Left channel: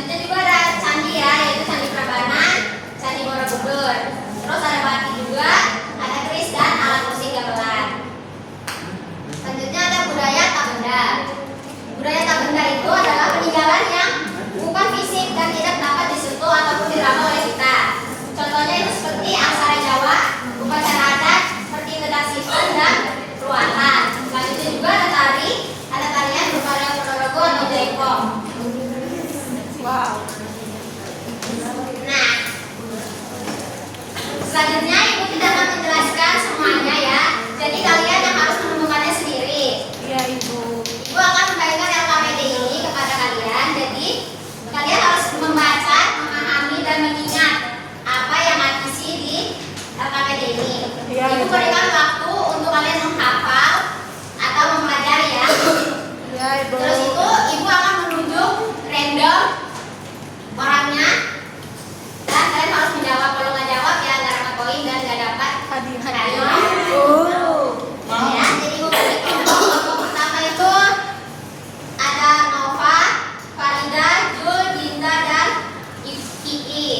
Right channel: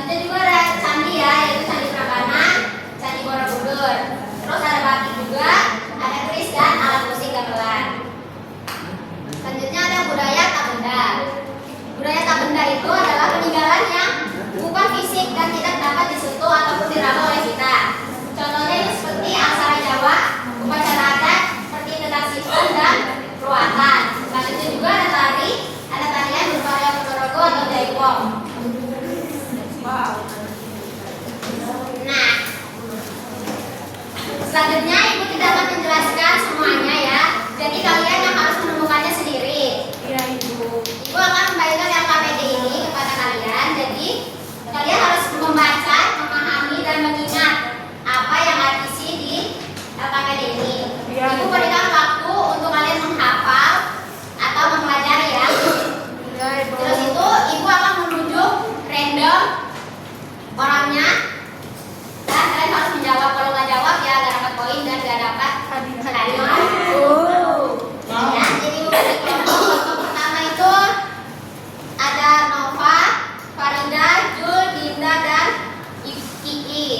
Selanjutnya juga ada candi ya, yaitu Candi Prambanan, Candi Borobudur. Terus ada baki juga, ada keris dan alat musik gamelan. Selanjutnya ada budaya tak benda. Budaya tak benda itu adalah peninggalan yang bukan fisik dan tidak dapat disentuh ataupun diraba oleh kita. Contohnya itu seperti aksara Jawa, upacara adat seperti tetak sifat dan ruatan. Selanjutnya juga ada tarian berupa reok ponorogo atau jaipong. Nah, selanjutnya ibu tidak akan menjelaskan semuanya ya. Jadi kalian yang harus menemukannya sendiri. Ya ibu. Ibu akan membagikan LKPD ini kepada kalian. Jadi kalian harus membaca, memahami dan mengingat apa yang terisi di LKPD ini. Ibu berikan waktu untuk kalian menghafal atau mempelajari ya. Terus itu ibu akan menunjuk random orangnya dan kalian harus menjawab. Kalau nggak jawab ya nggak dapat poin dan nggak dapat hadiah. Ya, jadi ibu berikan kelompok pertama itu ada Nova, Farida, Jul, Dinda dan Iki.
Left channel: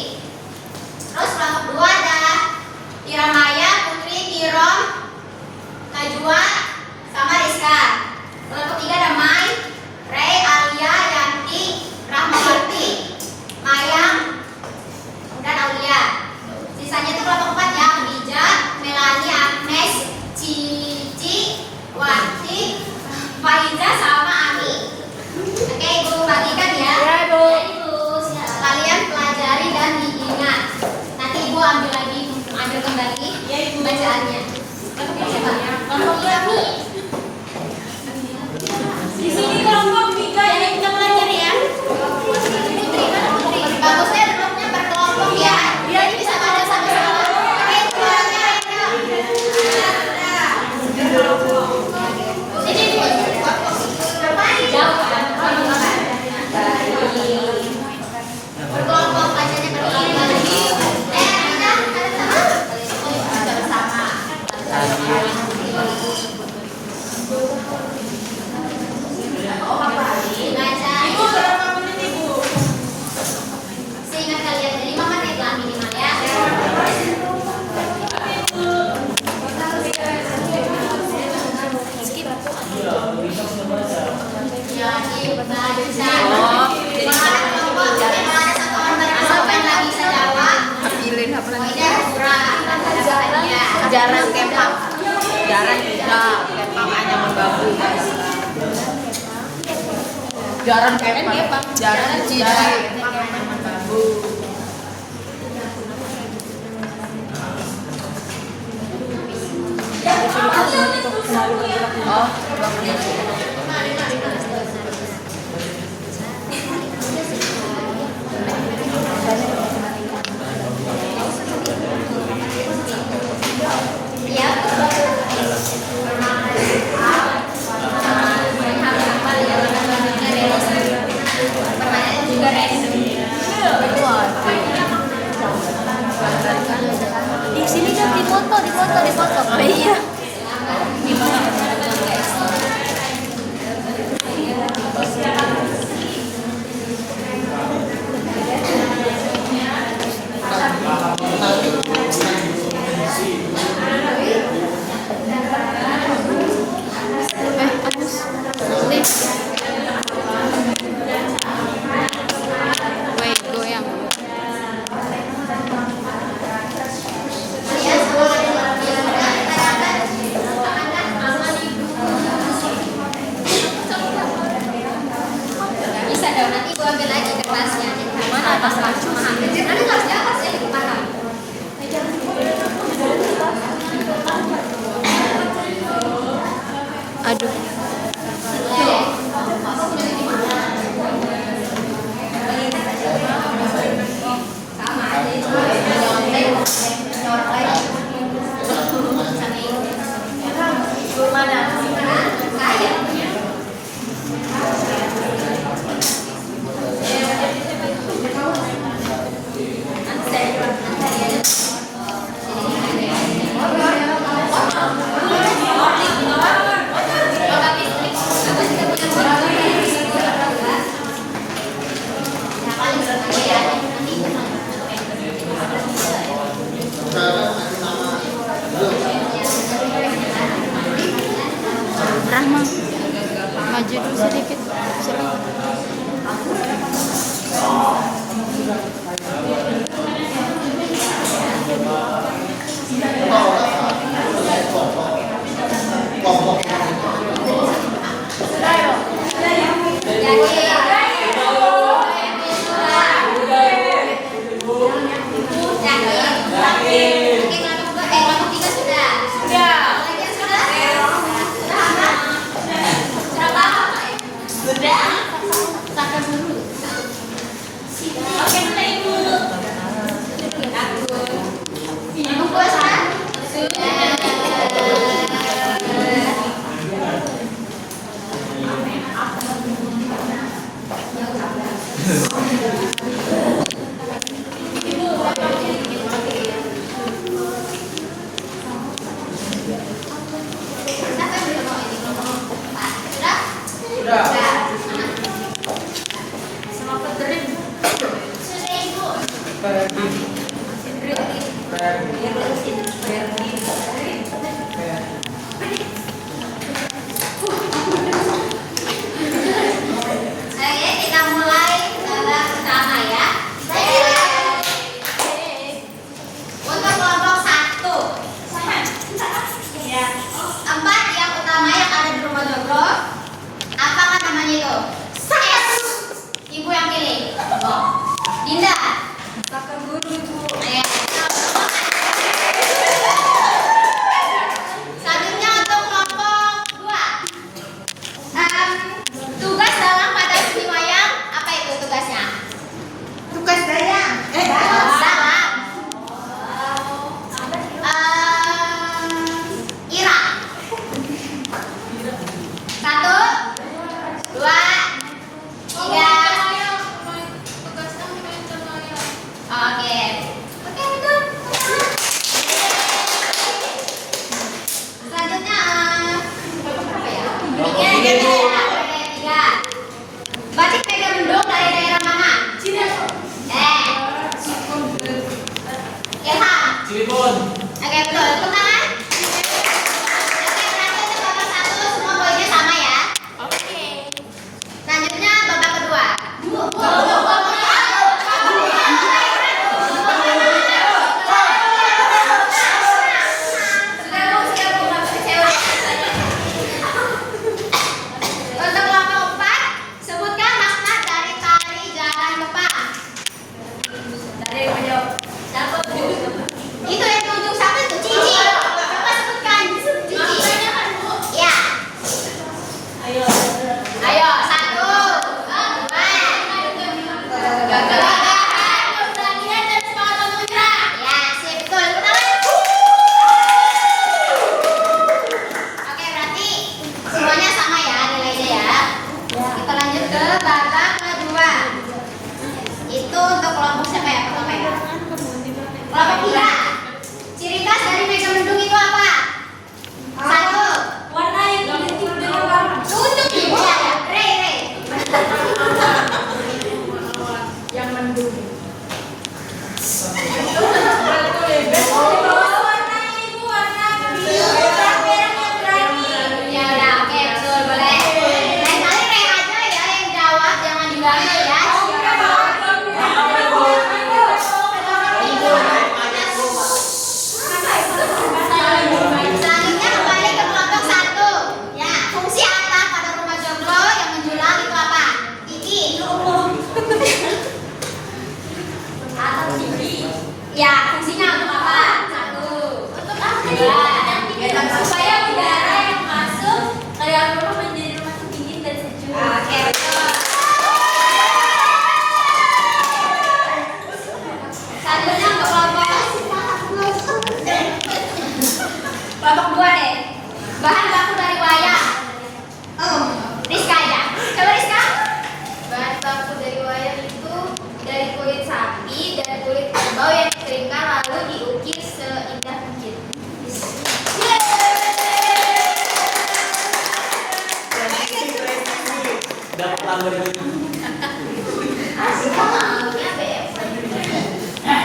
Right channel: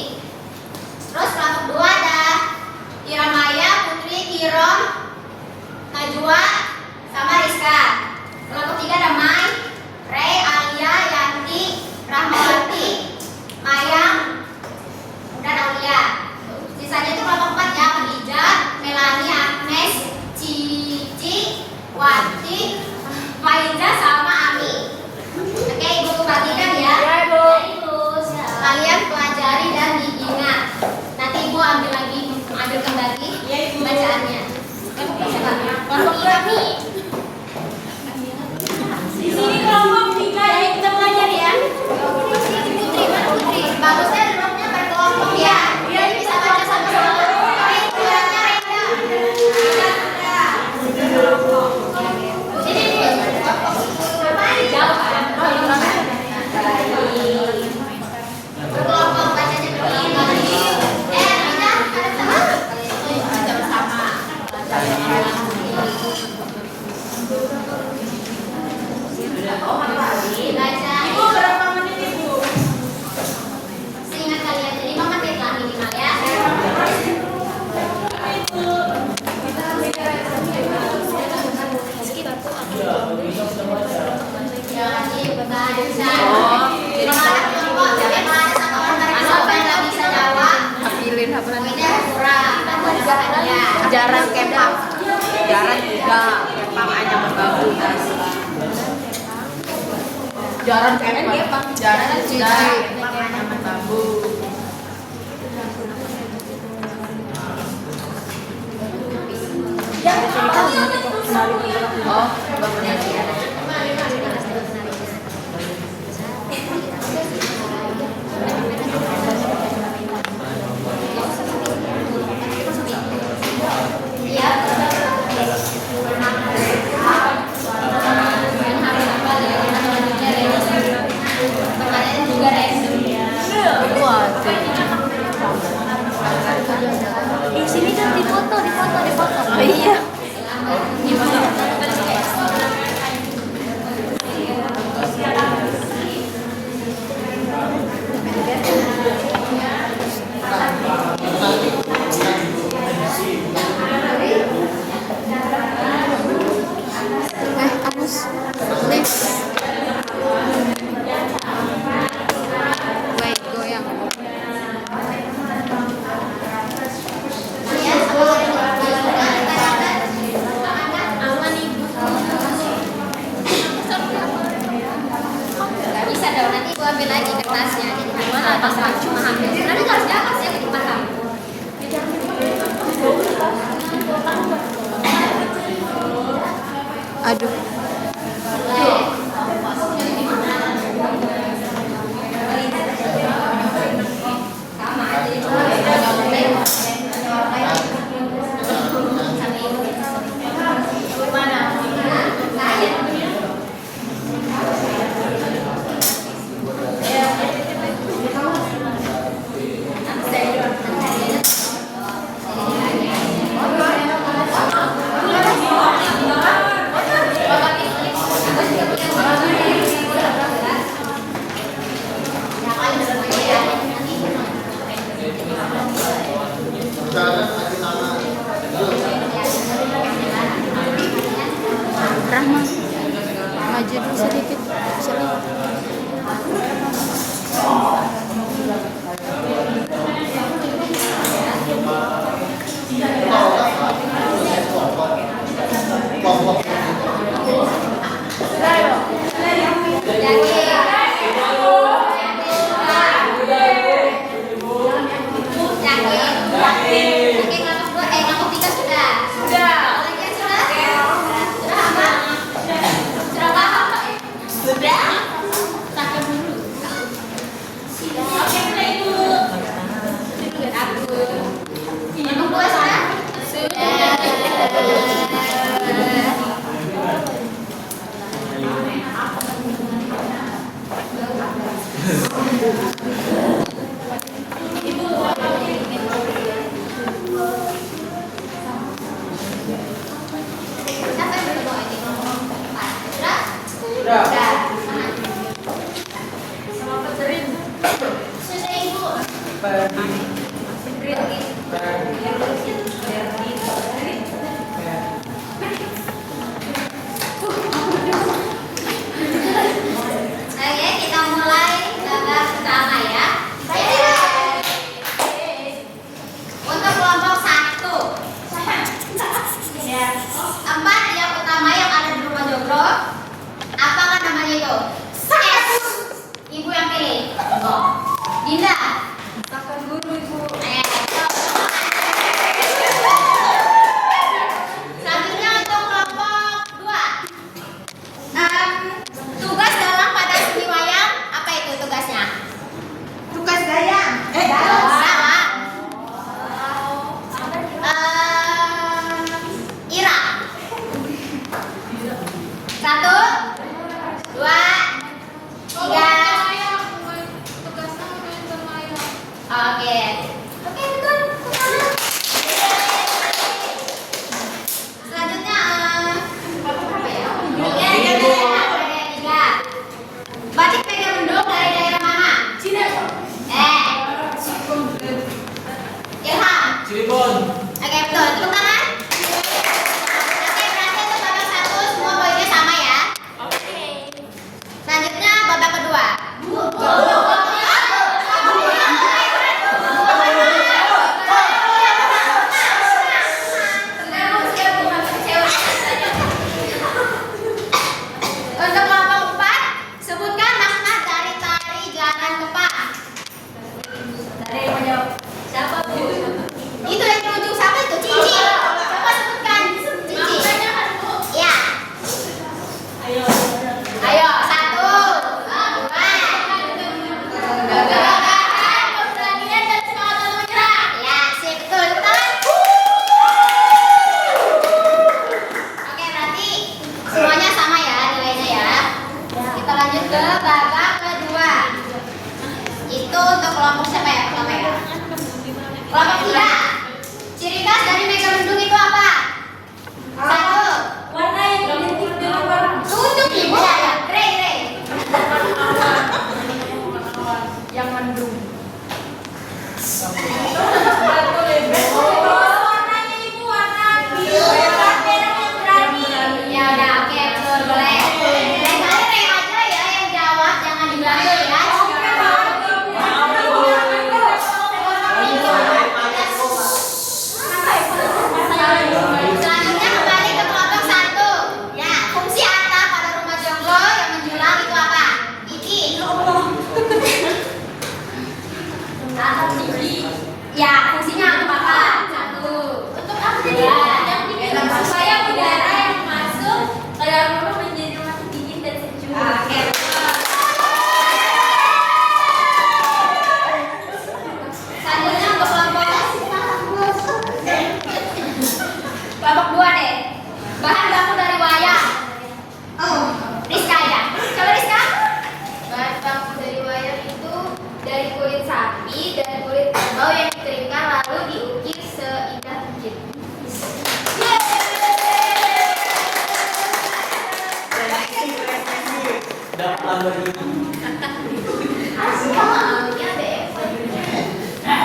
Terus kelompok kedua ada Iramaya, Putri, Kirom, Najwa, sama Rizka. Kelompok tiga ada Mai, Ray, Alia, Yanti, Rahmawati, Mayang, dan Aulia. Sisanya itu kelompok 4 ya, Khadija, Melani, Agnes, Cici, Wati, Faiza, sama Ami. Oke, ibu bagikan ya. Kalian pelajari dan diingat. Nanti ibu ambil kembali bacaannya. Kelompok kami. Di sini kelompok 3 ya, kita belajar ya. Bagusnya duduknya berkelompok ya. Jadi bisa pada sama-sama. Berkelompok bacanya begini. Ibu berapa menit ibu? Seingat kalian 5 menit lah minimal ya. Jarang kemang. Jarang juga kemang hanya berbagi. Jarang kemang. Jarang juga hanya berbagi. Oh, 2 menit ya. Di sini kan difoto. Oh iya. Gimana? Nanti gua ambil lagi kertasnya. Mana atas racun? Nanti harus di atas ya, kita tahan. Aduh. Rahma, maju dulu sedikit. Silahkan.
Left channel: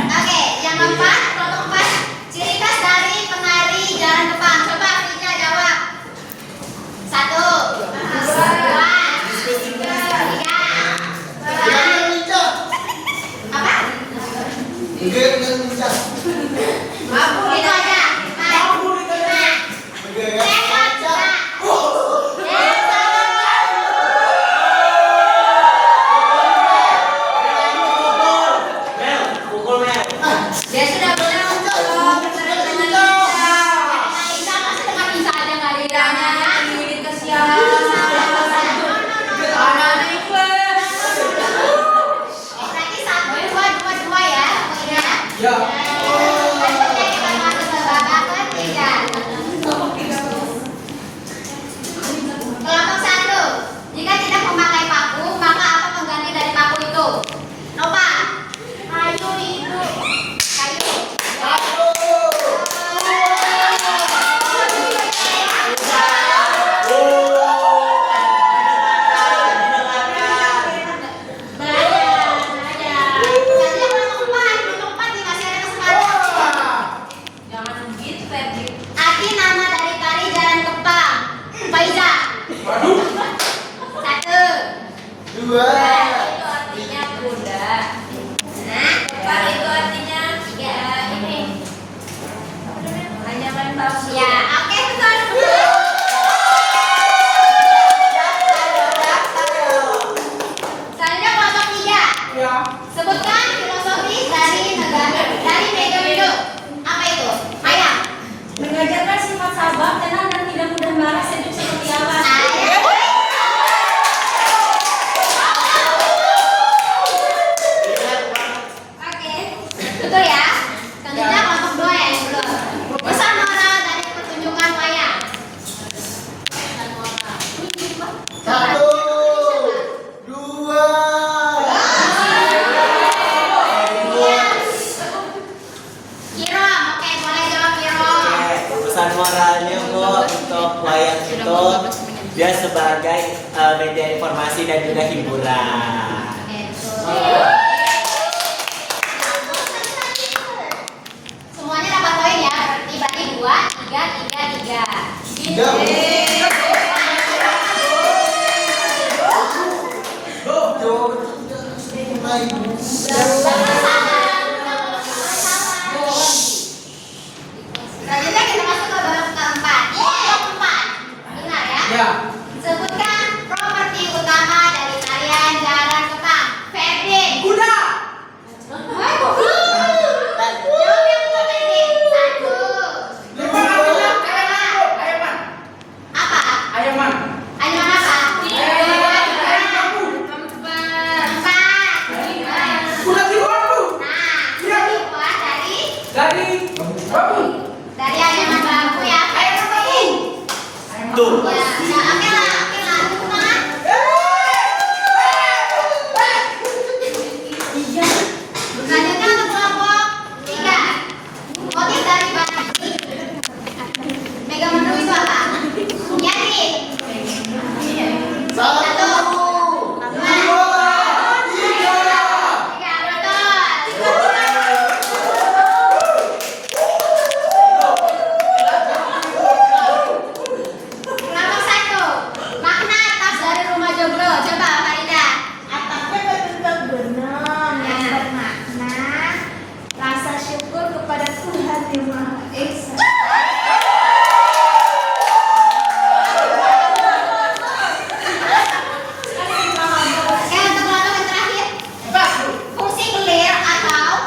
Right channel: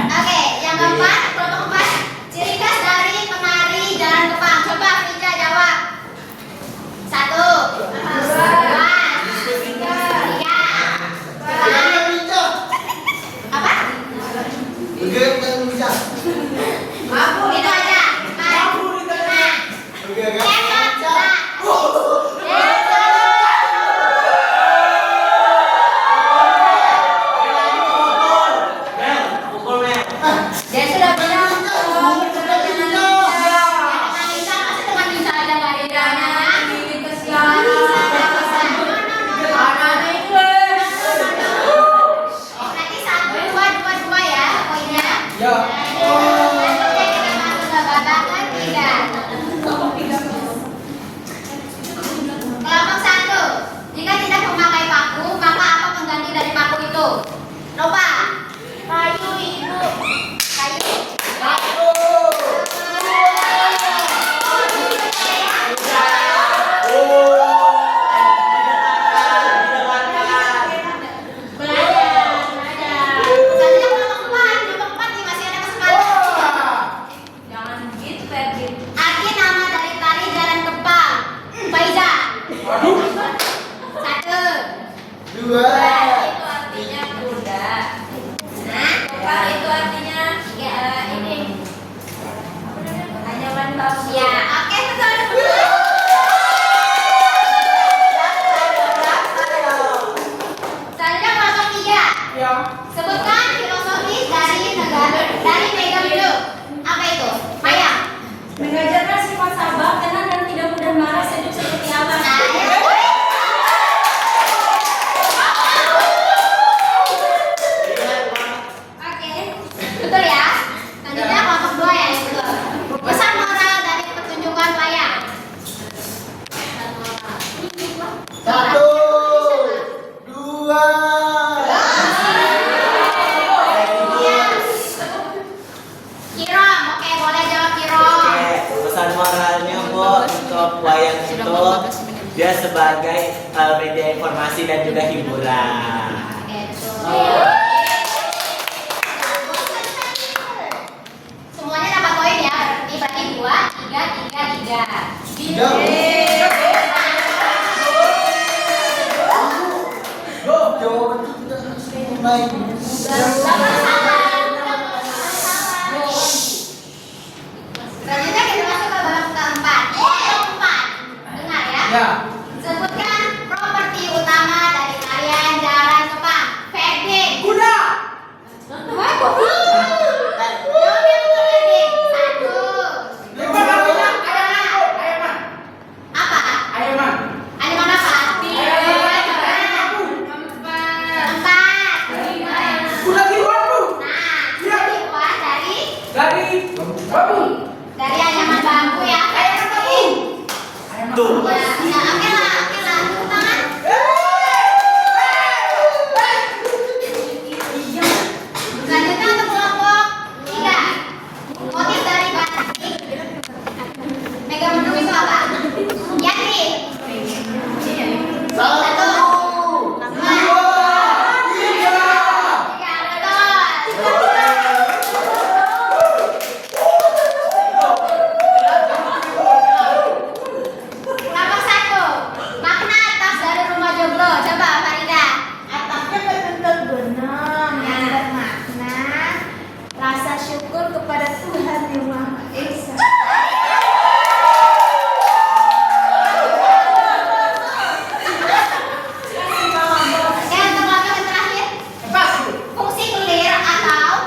Oke, yang keempat, kelompok keempat, ciri khas dari penari jalan Jepang. Coba Frida jawab. 1. Itu aja. Dia sudah bilang berarti 1, 2, 2, 2 ya poinnya. Babak ketiga. Kelompok 1. Jika tidak memakai paku, maka apa pengganti dari paku itu? Nova. Kayu itu. Kayu. Selanjutnya kelompok 4 nih, masih ada kesempatan. Jangan gitu, Febri. Arti nama dari tari jalan kepang. Faiza. 1, 2. Itu artinya kuda. Kepang itu artinya ini. Anyaman bambu. Ya, oke betul. Selanjutnya kelompok 3. Sebutkan filosofi dari Mega Hidup. Apa itu? Maya. Mengajarkan sifat sabar, tenang dan tidak mudah marah, sejuk seperti awan. Oke, betul ya. Selanjutnya kelompok 2 ya, betul. Pesan moral dari pertunjukan wayang. 1, 2. Kirom, oke boleh jawab Kirom. Pesan moralnya kok untuk wayang itu dia sebagai media informasi dan juga hiburan. Oke, betul. Semuanya dapat poin ya, berarti bagi 2, 3, 3, 3. Selanjutnya kita masuk ke babak keempat. Kelompok 4. Dengar ya. Sebutkan properti utama dari tarian jalan kepang. Ferdi. Kuda. Jawabnya betul Ferdi. 1. Ayaman. Apa? Ayaman. Animan apa? Empat. Kuda tiwatu. Nah, dibuat dari Dari bambu. anyaman bambu ya. Ayaman bambu. Tuh. Ya, oke lah, tepuk tangan. Selanjutnya untuk kelompok 3. Motif dari batik Mega Mendung itu apa? Yati. 1, 2, 3. Kelompok 1. Makna atas dari rumah Joglo. Coba Farida. Atapnya berbentuk benang yang bermakna rasa syukur kepada Tuhan yang Maha Esa. Oke, untuk kelompok yang terakhir. Fungsi clear atau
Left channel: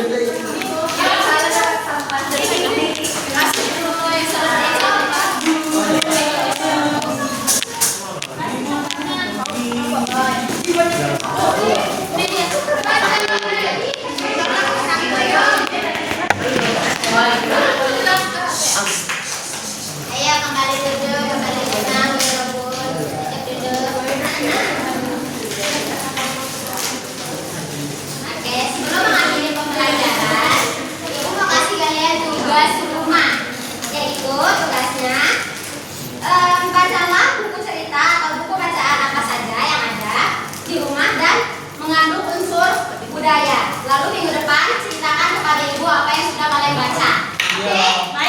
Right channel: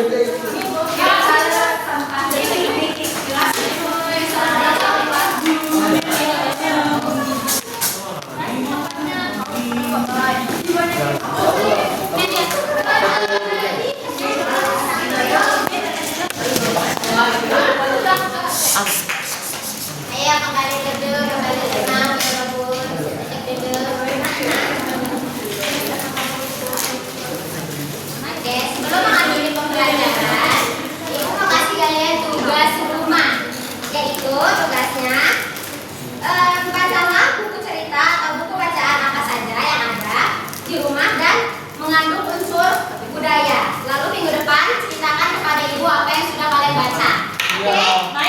Ayo kembali duduk, kembali tenang ya Bun. Oke, sebelum mengakhiri pembelajaran, Ibu mau kasih kalian tugas rumah. Yaitu tugasnya bacalah buku cerita atau buku bacaan apa saja yang ada di rumah dan mengandung unsur budaya. Lalu minggu depan ceritakan kepada Ibu apa yang sudah kalian baca. Oke?